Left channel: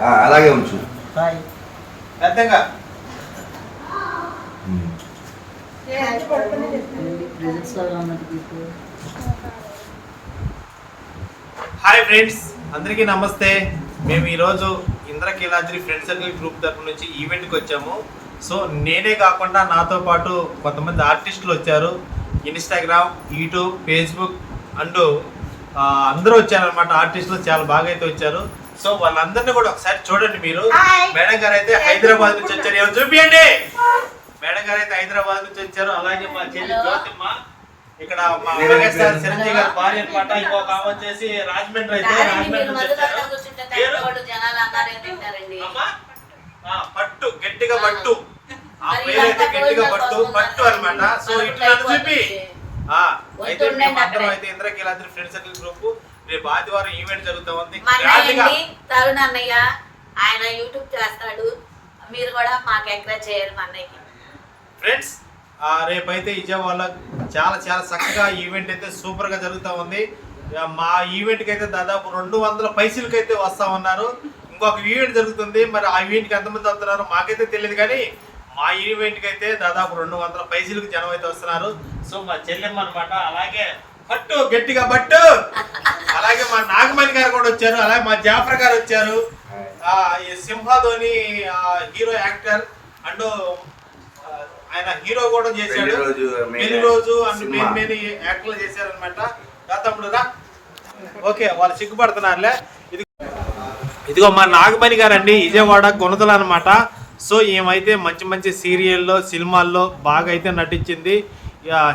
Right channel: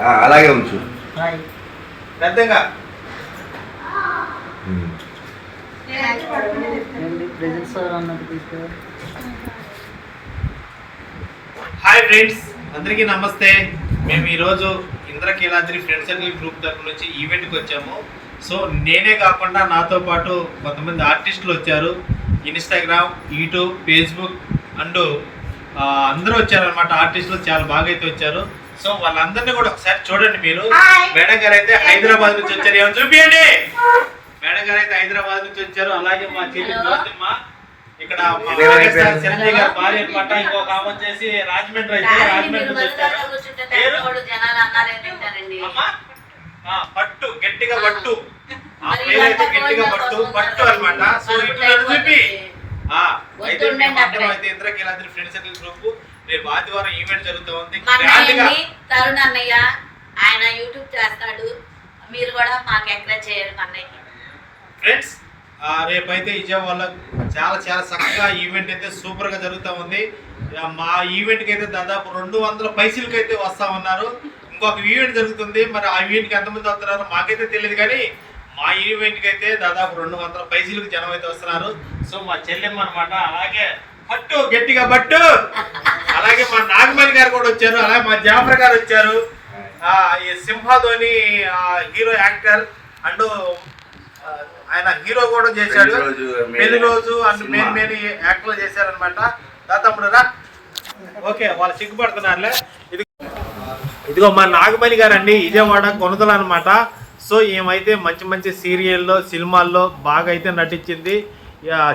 ఆ, అలాగే ఉంచు. పెద్దగా. హాయ్ ఫ్రెండ్స్ అందరికీ నమస్తే. మేము ఈరోజు ఇంద్రకీలాద్రి ఫ్రెండ్ సర్కిల్ గ్రూప్ తరపు నుంచి ఈవెంట్కి వచ్చాము. సో నేనే కాకుండా నాతో పాటు కొంతమంది ఆర్టిస్టులు వచ్చారు. ఇన్స్టాగ్రామ్ యూట్యూబ్ ఫేస్బుక్ అండ్ అందరూ వచ్చారనమాట ఆర్టిస్టులు చాలా బాగా అయితే వచ్చారు. సో వాళ్ళందరినీ కూడా ఒకసారి చూడండి మీరు. మేడం గారు అయితే హైదరాబాద్ నుంచి వచ్చారు. ఏమో చూపియండి? మేడం గారు అయితే హైదరాబాద్ నుంచి వచ్చారు. అలాగే మా చెల్లి జ్యోతిమ్మ. ఇక్కడ? చిరంజీవి గారి భార్య అనమాట. ఇంకొక ఆమె వచ్చేసి రాజమండ్రి అయితే రాజమండ్రి నుంచి వచ్చారు. పట్టు. గట్టిగా పట్టు. ఆ పేరు అయితే గట్టిగా పట్టు. పట్టు అన్నమాట సో ఇట్లా చూపి. ఆ, అయితే అందరం అయితే ఇంద్రకీలాద్రి ఫ్రెండ్ సర్కిల్ గ్రూప్. రేపు ఆదివారం ఈవెంట్ జరుగుతా ఉంది. తరుణ్ అన్నయ్య ఆయన యూట్యూబ్ చేస్తాడు. మీరు కూడా మాకు ఎంకరేజ్ చేయాలి అన్నయ్యకి. ఫ్రెండ్స్ ఆ, రేపైతే విజయవాడలో చాలా చాలా చక్కగా ఈవెంట్ అయితే సూపర్గా జరుగుతూ ఉంది. మా ఈవెంట్కి అయితే దాదాపు రెండు వందల పైసలకి అయితే వస్తా ఉన్నారు. ఇంకొక ఈవెంట్ జరుగుతుంది. మరి ఆ ఈవెంట్కి ఎంతమంది వస్తున్నారు మాకైతే తెలియదు కానీ మా ఈవెంట్కి అయితే దాదాపు రెండు వందల పైసలకు జనం అయితే వస్తున్నారు. సో మా చెల్లెమ్మ అనమాట అలాగే పట్టు గట్టిగా పట్టు. అలాగే మా నాగమణి గారు కూడా వచ్చారు అలాగే మా జాఫర్ గారు వచ్చారు. ఈ సింహాధోని హీరో యాక్టర్ అండ్ ఆయన హీరో కూడా చేశాడు. పెళ్ళి రోజు, అండ్. మెయిన్ మెయిన్ యాక్టర్లు చేశారనమాట తమ్ముడు రా. ఓకే వాళ్ళు సిగ్గుపడుతున్నారులే. ఇది ఇదిగో మా నాగమణి గారండి విజయవాడ కొనతలు అనమాట సో ఏమైతే మంచి మంచి సీరియల్లో సినిమాల్లో బాగా అయితే నటించింది.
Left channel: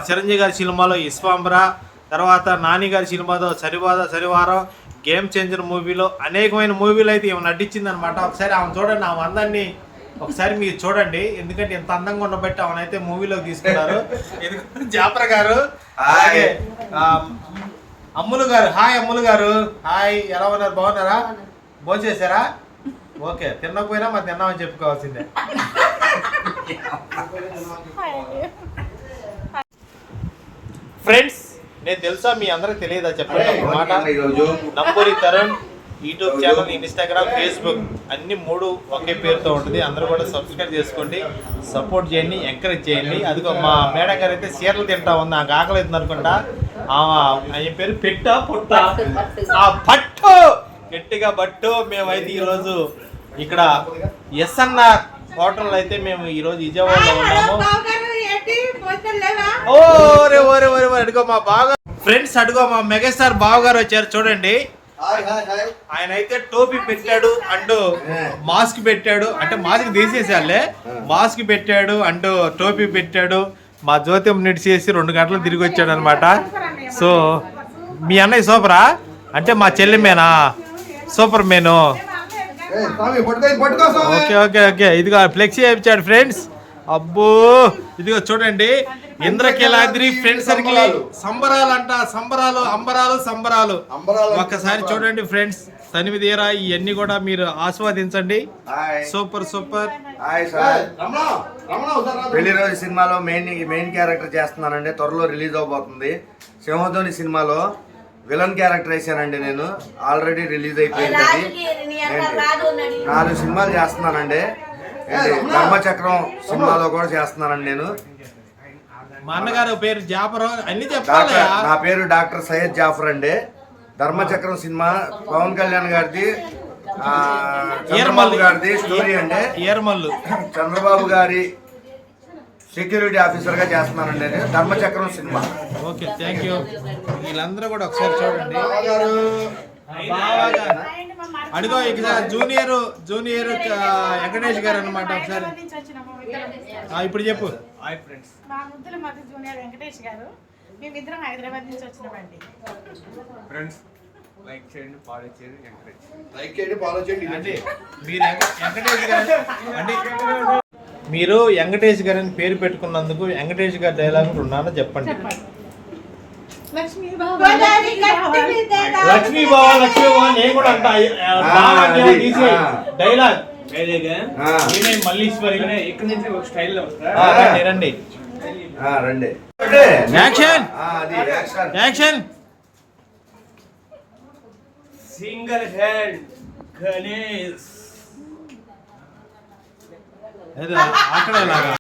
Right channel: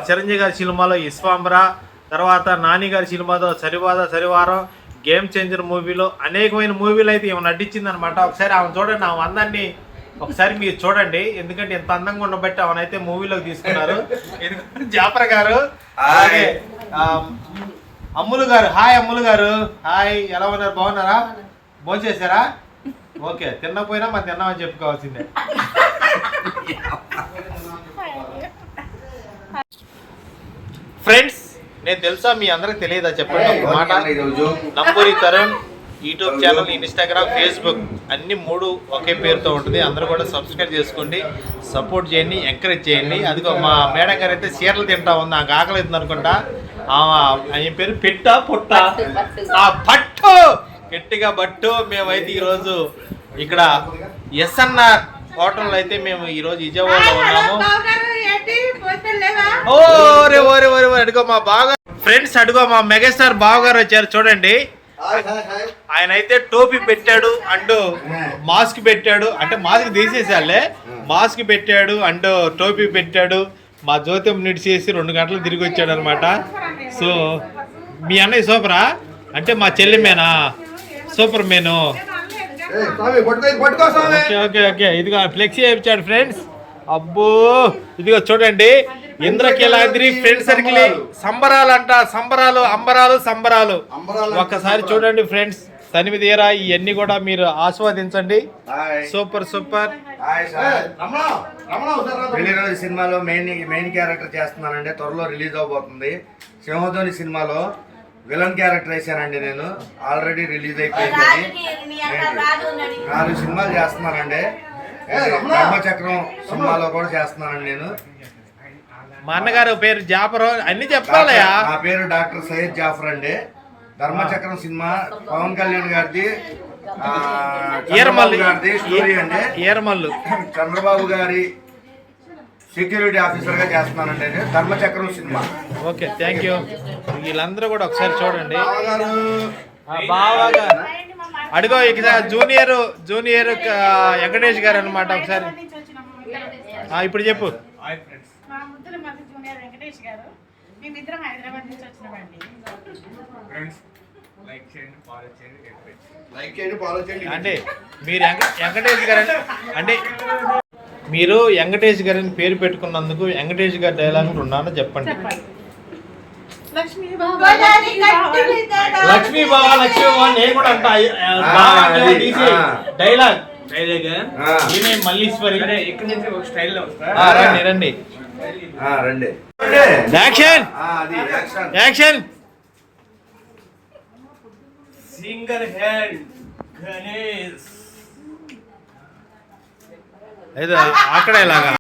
చిరంజీవి గారి సినిమాలో ఇస్వాంబర తర్వాత నాని సినిమాతో సినిమాలో సరివాద సరివారం గేమ్ చేంజర్ మూవీలో అనేకమైన మూవీలు అయితే ఈమె నటించిందనమాట ఒకసారి ఆమె చూడండి ఆమె అందాన్ని ఒకసారి మీరు చూడండి. ఎందుకంటే ఇంత అందంగా ఉండబట్టి ఆమెనైతే మూవీలోకి తీసుకున్నారు. ఇదిగో గారు అలాగే అమ్ములు గారు హాయ్ అమ్ములు గారు. హాయ్ ఎలా ఉన్నారు? బాగున్నారా? భోంచేశారా? ఓకే తినకపోయినా మరి తిన్నామని చెప్పుకోవాల్సిందే. ఫ్రెండ్స్ నేను తెలుసా మీ అందరికి తెలియదా చెప్పండి ఒక మాట? Namburi Tarun YouTube channel Instagram Facebook అన్ని మూడు ఒకే పేరుతో ఉంటుంది. అందరూ కూడా సబ్స్క్రైబ్ చేసుకోండి సపోర్ట్ చేయండి ఎంకరేజ్ చేయండి. అదిగో మా మేడం గారు అయితే చీరలు తింటా ఉంది నాకు ఆకలి అవుతుంది అనుకుంటా. ఆ, ఆయన పేరు పెట్ట పుట్ట. పట్టు, పట్టు. ఆ పట్టు! గట్టిగా బట్టు మేమైతే ఈరోజు ఇక్కడ ఎస్ఎన్ఆర్ హోటల్ అయితే మేము ఈరోజు విజయవాడలో ఉన్నాము. ఓరే ఓరే ఓరే ఓరే అడుగో మా బాగా ఫ్రెండ్స్ అడుగో మా మెగాస్టార్ బావ గారు వచ్చారు చూడండి. ఆయన అయితే టోపీ పెట్టాడు అండ్ మాస్క్ పెట్టాడు. అంటే మాస్క్ తీసేసాలే మాస్క్ పెట్టాడు అండ్ టోపీ పెట్టాడు. మా జ్యోతిం నిడిచేసి రెండు గంటలు తిరిగి వచ్చాడు అనమాట సో మీ అన్నయ్య సూపరా? అంటే మా చెల్లిమేనా సూపర్ మేను. Okay okay okay. ఇదిగో ఫ్లెక్సీ ఇచ్చాడు ఫ్రెండ్స్. అబ్బో ఇదిగో చూడండి. ఇంద్రకీలాద్రి ఫ్రెండ్ సర్కిల్ సంబరాలు. అంట సంబరాలు అంబరాలు సంబరాలు. ఒక్కసారి చూడండి ఫ్రెండ్స్ తనివి తీరా ఇవన్నీ కూడా మీరు ఆస్వాదించండి. Hi. Super super. Hi sir. పెళ్ళి రోజు సినిమాలో మెయిన్ మెయిన్ క్యారెక్టర్ చేస్తున్నానండి. త్వరలో రిలీజ్ అవబోతుంది. సింహధ్వని సినిమాలో విలన్ క్యారెక్టర్ వేసానండి నేను. ఆల్రెడీ రిలీజ్ అయిపోయింది. నాలుగు సినిమాలు చేస్తున్నానండి. ధర్మచక్రం సినిమాలో కూడా చేస్తున్నానండి నేను. మా అన్నగారు పేరు జాపరం అన్ని చెప్పాలయా నా పేరు డాక్టర్ సయ్యద్ జాఫర్ అండి. ధర్మచక్రం సినిమా పవన్ కళ్యాణ్ గారిది ఈరమల్లు. గారిది స్టోరీ అండి. ఈరమల్లు. చంద్రబాబు గారి సెక్యూరిటీ ఆఫీసర్గా చేస్తున్నానండి నేను. Dharmachakram cinema. Okay thank you వీళ్ళందరూ కూడా ఒకసారి చూడండి. బాగా అడుగో ఇక జూనియర్ జూనియర్ వెంకటేష్ గారు అనమాట ఒకసారి. ఆ, ఇప్పుడు చెప్పు. జూనియర్ వెంకటేష్ గారు మేమిద్దరం హైదరాబాద్ నుంచి వచ్చినామండి. అంటే మీరు వెంక- వెంకటేష్ గారు అంటే- అంటే మీరు వెంకటేష్ గారిని పేరు పెట్టుకున్నందుకు వెంకటేష్ గారి డైలాగ్ ఉన్నారో చెప్పండి. లక్ష్మీ బావా లక్ష్మీ బావా. నేను కూడా అంట. డైలాగ్ ఈమె మల్లీశ్వరి. ఇక్కడ నుంచి ఒక స్టైల్లో రండి రండి. రండి. సింగల్ హ్యాండ్ గణేష్ అక్కడ ఇలాగా